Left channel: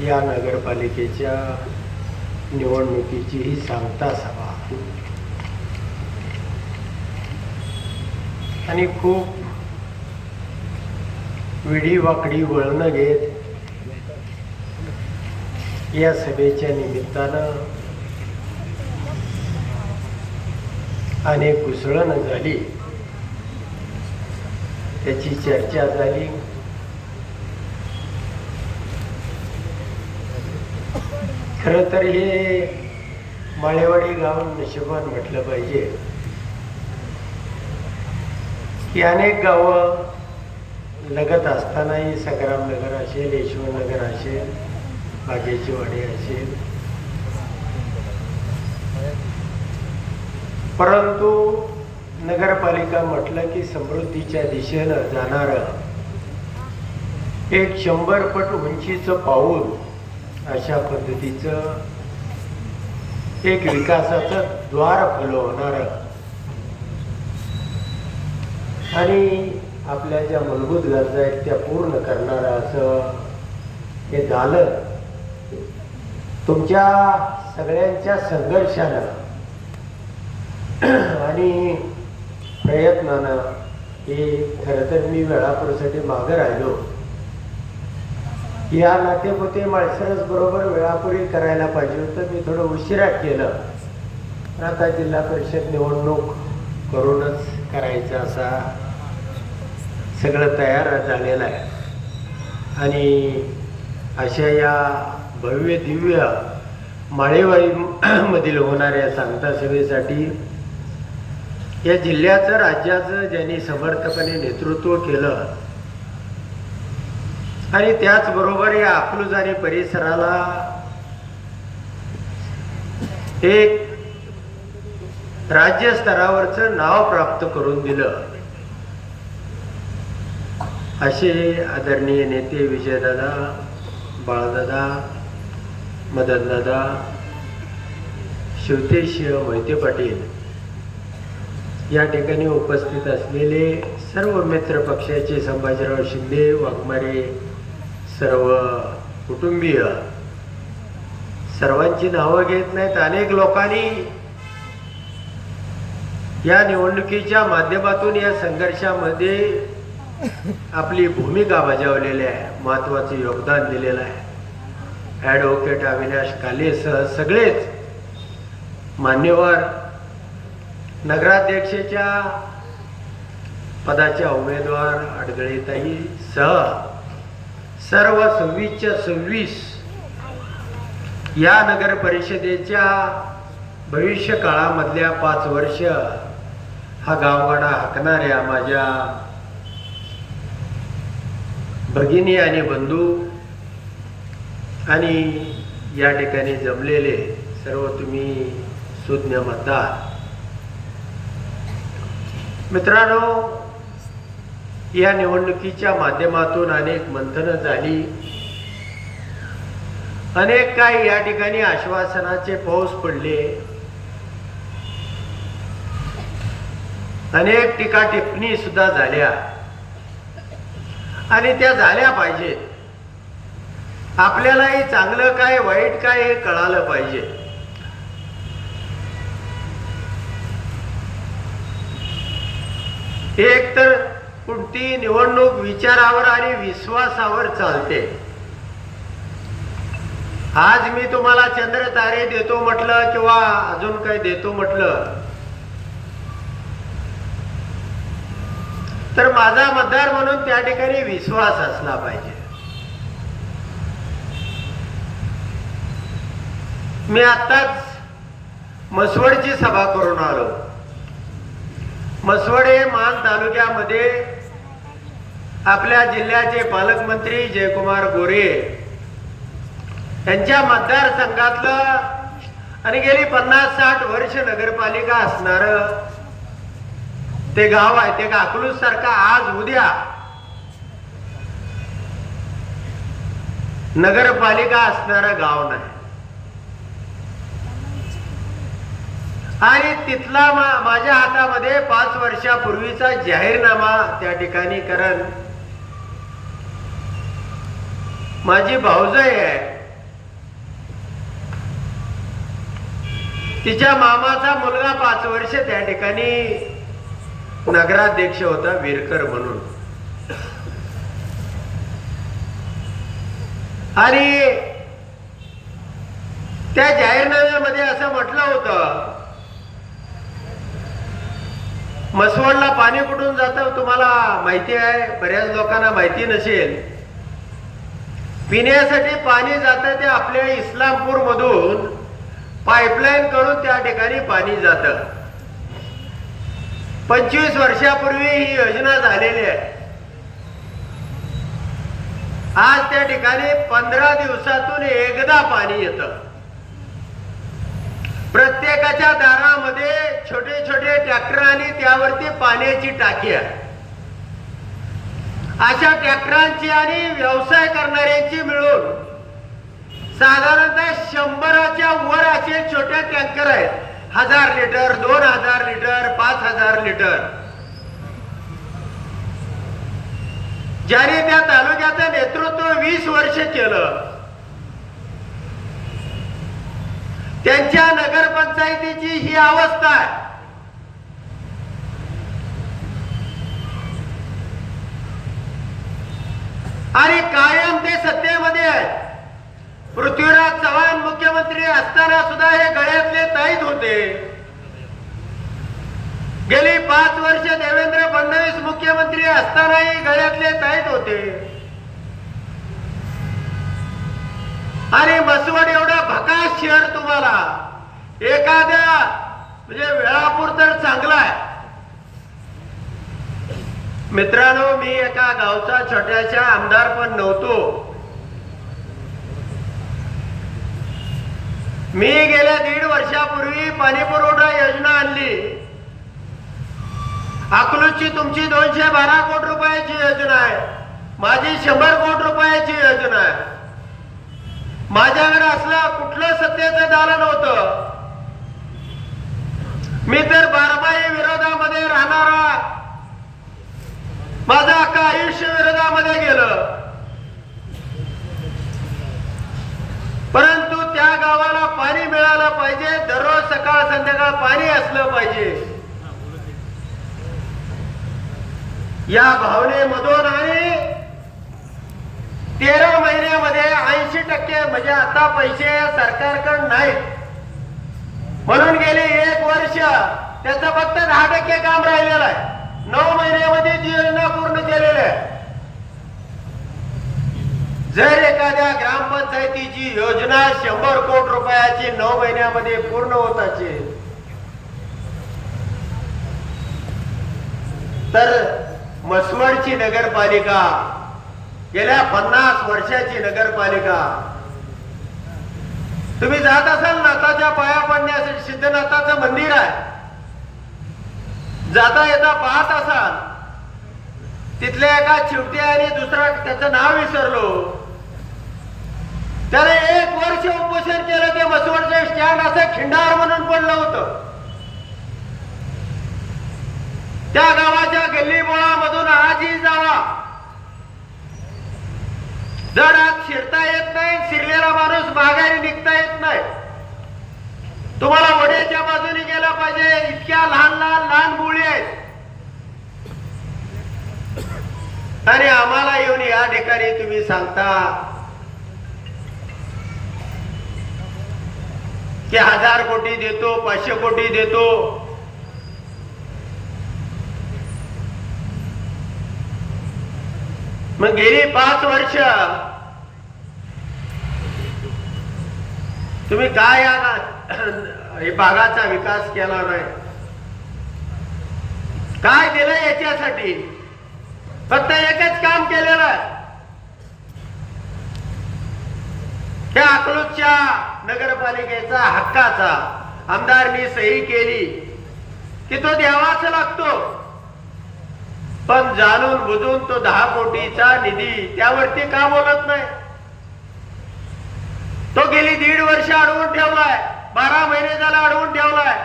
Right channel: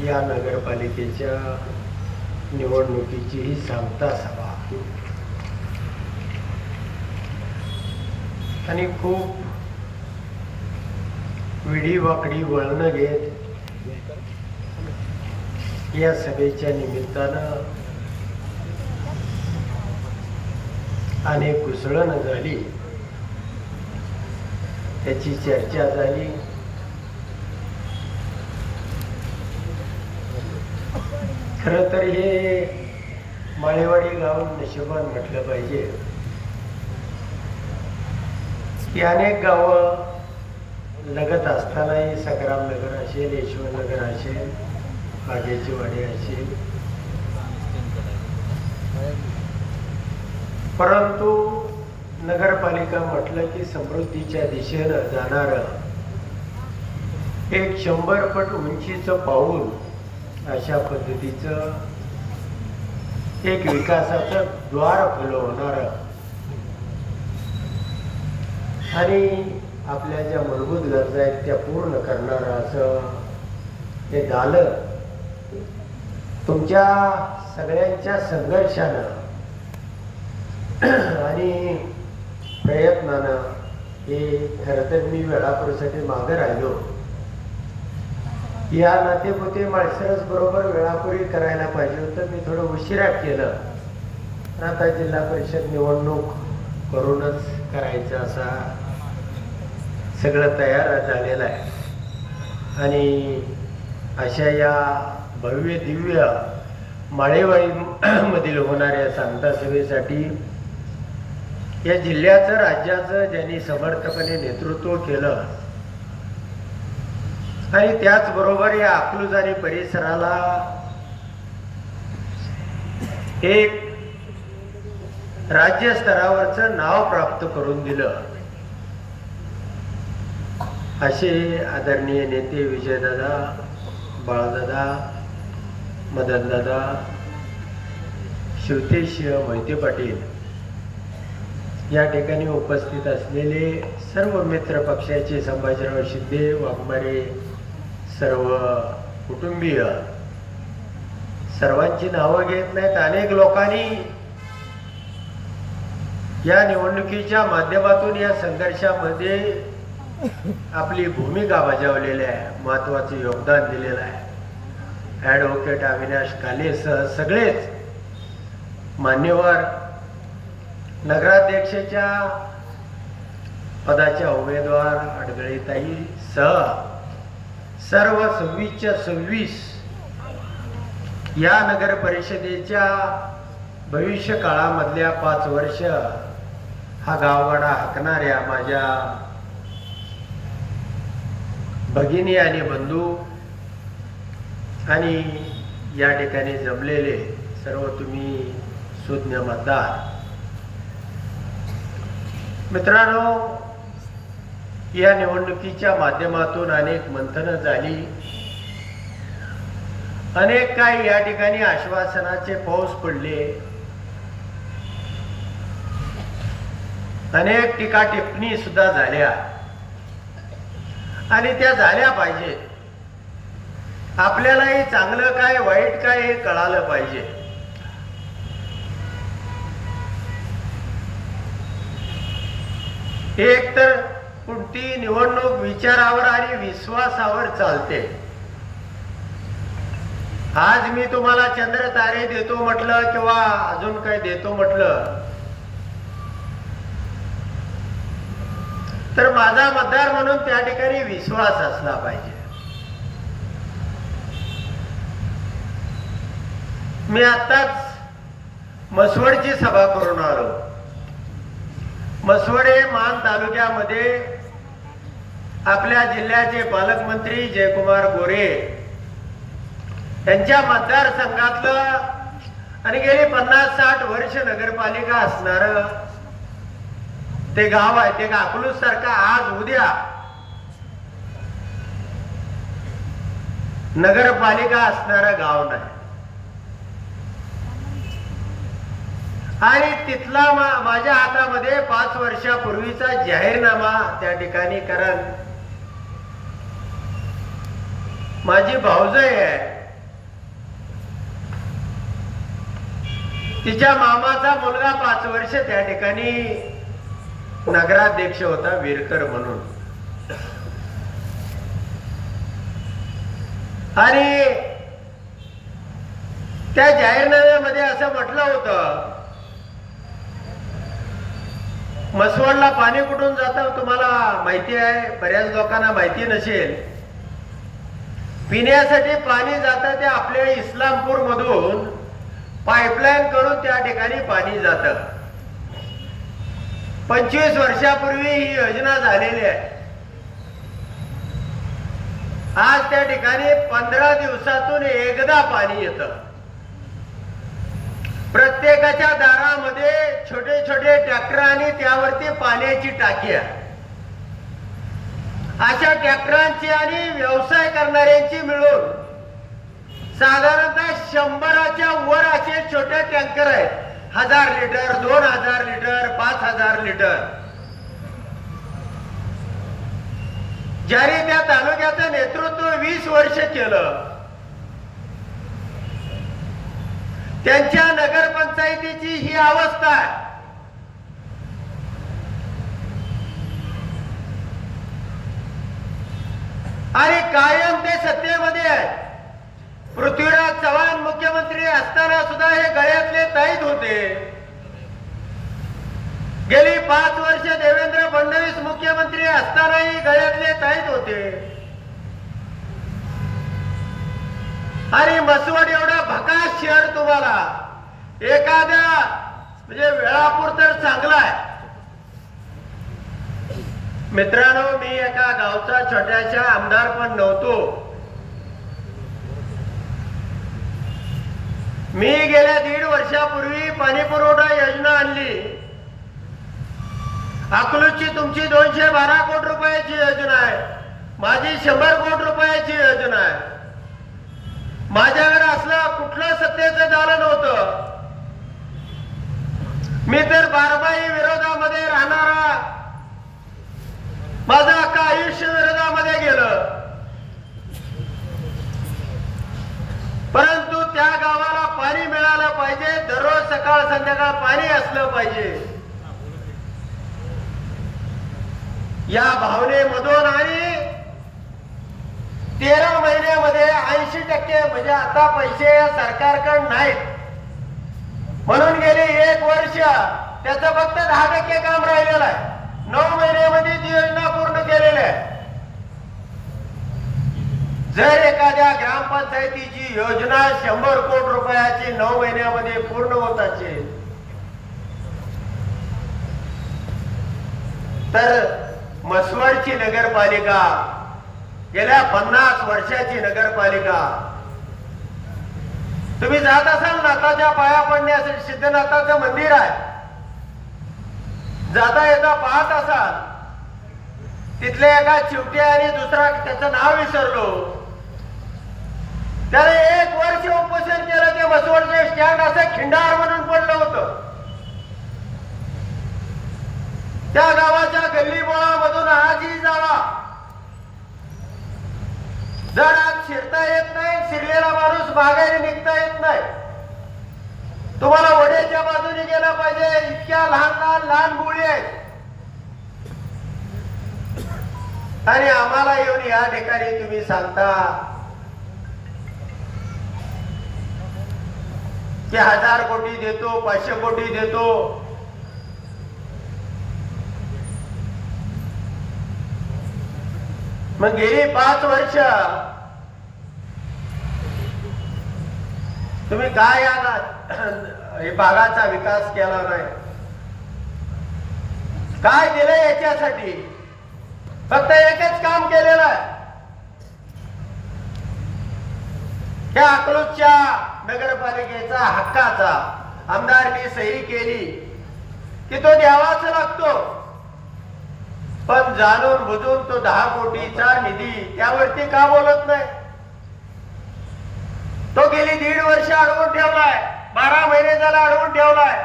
या नगरपालिकेच्या निवडणुकीची ही सांगता सभा आणि खूप विडी वाकडी वळणं घेत या सभेच्या निमित्तानं अनेक घुसळण झाली, त्याची चर्चा झाली. खरं तर हे माळेवाडी गाव नशिबान म्हटलं पाहिजे की अनेक गावं लगत असतानाही संग्रामनगर असेल, यशवंतनगर असेल, बागेची वाडी असेल, परंतु नगरपालिका म्हटलं की समृद्धीच्या दिशेनं जाणारं एक 100 पट उंचीचं पाऊल, अशा पद्धतीचं एक विकासाचं द्वार फुलवणारं आणि आपल्या ज्या मूलभूत गरजा आहेत त्या पूर्ण करणारं असं हे झालं. तुमच्या सगळ्यांच्या संघर्षानं आणि प्रयत्नानं हे खरं तर मी वेळापूरसाठी मागे राहिलो. या नातेपुते माळसरस बरोबर वेळापुरी करायला पाहिजे होतं, मी थोडं उशिरा केलं. आता जिल्हा परिषद निवडणूक करूनच करायचं असा सगळं तयार झालेलं आहे. आणि अशा या भव्य दिव्य माळेवाडीमधील होणाऱ्या सांगता सभेसाठी या जिल्ह्याचं, राज्याचं ज्यांनी समर्थपणे नेतृत्व केलं आणि त्याचबरोबर या अकलूज आणि परिसराला एक राज्य स्तरावरचं नाव प्राप्त करून दिलं, असे आदरणीय नेते विजयदादा, बाळदादा, मदनदादा, शिवतेश मोहिते पाटील, या ठिकाणी उपस्थित असलेले सर्व मित्र पक्षाचे, संभाजीराव शिंदे, वाघमारे सर्व कुटुंबीय, सर्वांची नावं घेत नाहीत. अनेक लोकांनी या निवडणुकीच्या माध्यमातून या संघर्षामध्ये आपली भूमिका बजावलेली आहे, महत्वाचे योगदान दिलेलं आहे. ॲडव्होकेट अविनाश कालेसह सगळेच मान्यवर, नगराध्यक्षाच्या पदाच्या उमेदवार अडगळेताई सह सर्व 26च्या 26 या नगर परिषदेच्या भविष्य काळामधल्या 5 वर्ष हा गावगाडा हाकणाऱ्या माझ्या भगिनी आणि बंधू आणि या ठिकाणी जमलेले सर्व तुम्ही सुज्ञ मतदार मित्रांनो, या निवडणुकीच्या माध्यमातून अनेक मंथनं झाली, अनेक काही या ठिकाणी आश्वासनाचे पाऊस पडले, अनेक टीका टिप्पणी सुद्धा झाल्या आणि त्या झाल्या पाहिजेत. आपल्यालाही चांगलं काय वाईट काय हे कळालं पाहिजे. एक तर कोणती निवडणूक विचारावर आणि विश्वासावर चालते. आज मी तुम्हाला चंद्र तारे देतो म्हटलं किंवा अजून काय देतो म्हटलं तर माझा मतदार म्हणून त्या ठिकाणी विश्वास असला पाहिजे. मी आताच मसवडची सभा करून आलो. मसवड हे मान तालुक्यामध्ये आपल्या जिल्ह्याचे पालकमंत्री जयकुमार गोरे यांच्या मतदारसंघातलं आणि गेली 50-60 वर्ष नगरपालिका असणार ते गाव आहे. ते अकलूज सारखा आज उद्या नगरपालिका असणारं गाव नाही. आणि तिथला माझ्या हातामध्ये 5 वर्षापूर्वीचा जाहीरनामा त्या ठिकाणी, कारण माझी भाऊजाई आहे तिच्या मामाचा मुलगा 5 वर्ष त्या ठिकाणी नगराध्यक्ष होता, विरकर म्हणून. आणि त्या जाहीरनाम्यामध्ये असं म्हटलं होतं, म्हसवडला पाणी कुठून जातं तुम्हाला माहिती आहे, बऱ्याच लोकांना माहिती नसेल. पिण्यासाठी पाणी जातं ते आपल्या इस्लामपूर मधून पाईपलाईन करून त्या ठिकाणी पाणी जातं. 25 वर्षापूर्वी ही योजना झालेली आहे. आज त्या ठिकाणी 15 दिवसातून एकदा पाणी येतं. प्रत्येकाच्या दारामध्ये छोटे छोटे ट्रॅक्टर आणि त्यावरती पाण्याची टाकी आहे. अशा ट्रॅक्टरांची आणि व्यवसाय करणाऱ्यांची मिळून साधारणतः 100च्या वर असे छोटे टँकर आहेत. 1000 लिटर, 2000 लिटर, 5000 लिटर. ज्याने त्या तालुक्याचं नेतृत्व 20 वर्ष केलं, त्यांच्या नगरपंचायतीची ही अवस्था आहे. आणि कायम ते सत्तेमध्ये आहे. पृथ्वीराज चव्हाण मुख्यमंत्री असताना सुद्धा हे गळ्यातले ताईत होते. गेली 5 वर्ष देवेंद्र फडणवीस मुख्यमंत्री असतानाही गळ्यातले ताईत होते. आणि म्हसवड एवढा भकास शहर तुम्हाला एखाद्या म्हणजे वेळापूर तर चांगला आहे. मित्रांनो, मी एका गावचा छोट्याशा आमदार पण नव्हतो. मी गेल्या 1.5 वर्षापूर्वी पाणी पुरवठा योजना आणली. अकलूजची तुमची 212 कोटी रुपयाची योजना आहे, माझी 100 कोटी रुपयाची योजना आहे. माझ्याकडे असलं कुठलं सत्तेचं दालन होतं. मी तर बारबाई विरोधामध्ये राहणारा, माझं अख्खं आयुष्य विरोधामध्ये गेलं. परंतु त्या गावाला पाणी मिळालं पाहिजे, दररोज सकाळ संध्याकाळ पाणी असलं पाहिजे या भावनेमधून. आणि 13 महिन्यामध्ये 80% म्हणजे आता पैसे सरकारकडे नाहीत म्हणून गेली 1 वर्ष त्याचं फक्त 10% काम राहिलेलं आहे. 9 महिन्यामध्ये ती योजना पूर्ण केलेली आहे. जर एखाद्या ग्रामपंचायतीची योजना 100 कोटी रुपयाची 9 महिन्यामध्ये पूर्ण होत असेल तर म्हसवडची नगरपालिका, गेल्या 50 वर्षाची नगरपालिका, तुम्ही जात असाल नाथाच्या पाया पडण्यासाठी, सिद्धनाथाचं मंदिर आहे, जाता येता पाहत असाल, तिथले एका चिवट्या आणि दुसरा त्याचं नाव विसरलो, त्याने 1 वर्ष उपोषण केलं. ते बसवडचे स्टँड असं खिंडार म्हणून पडलं होतं. त्या गावाच्या गल्लीबोळामधून आजही जावा, जर आज शिरता येत नाही, शिरलेला माणूस माघारी निघता येत नाही. तुम्हाला वड्याच्या बाजूने गेलं पाहिजे, इतक्या लहान गुळी आहेत. आणि आम्हाला येऊन या ठिकाणी तुम्ही सांगता की 1000 कोटी देतो, 500 कोटी देतो. मग गेली 5 वर्ष तुम्ही काय या भागाचा विकास केला नाही, काय दिलं याच्यासाठी? फक्त एकच काम केलेलं आहे. त्या अकलूजच्या नगरपालिकेचा हक्काचा आमदारनी सही केली की तो द्यावाच लागतो. पण जाणून बुजून तो 10 कोटीचा निधी त्यावरती का बोलत नाही? तो गेली 1.5 वर्ष अडवून ठेवलाय, 12 महिने झाला अडवून ठेवलाय.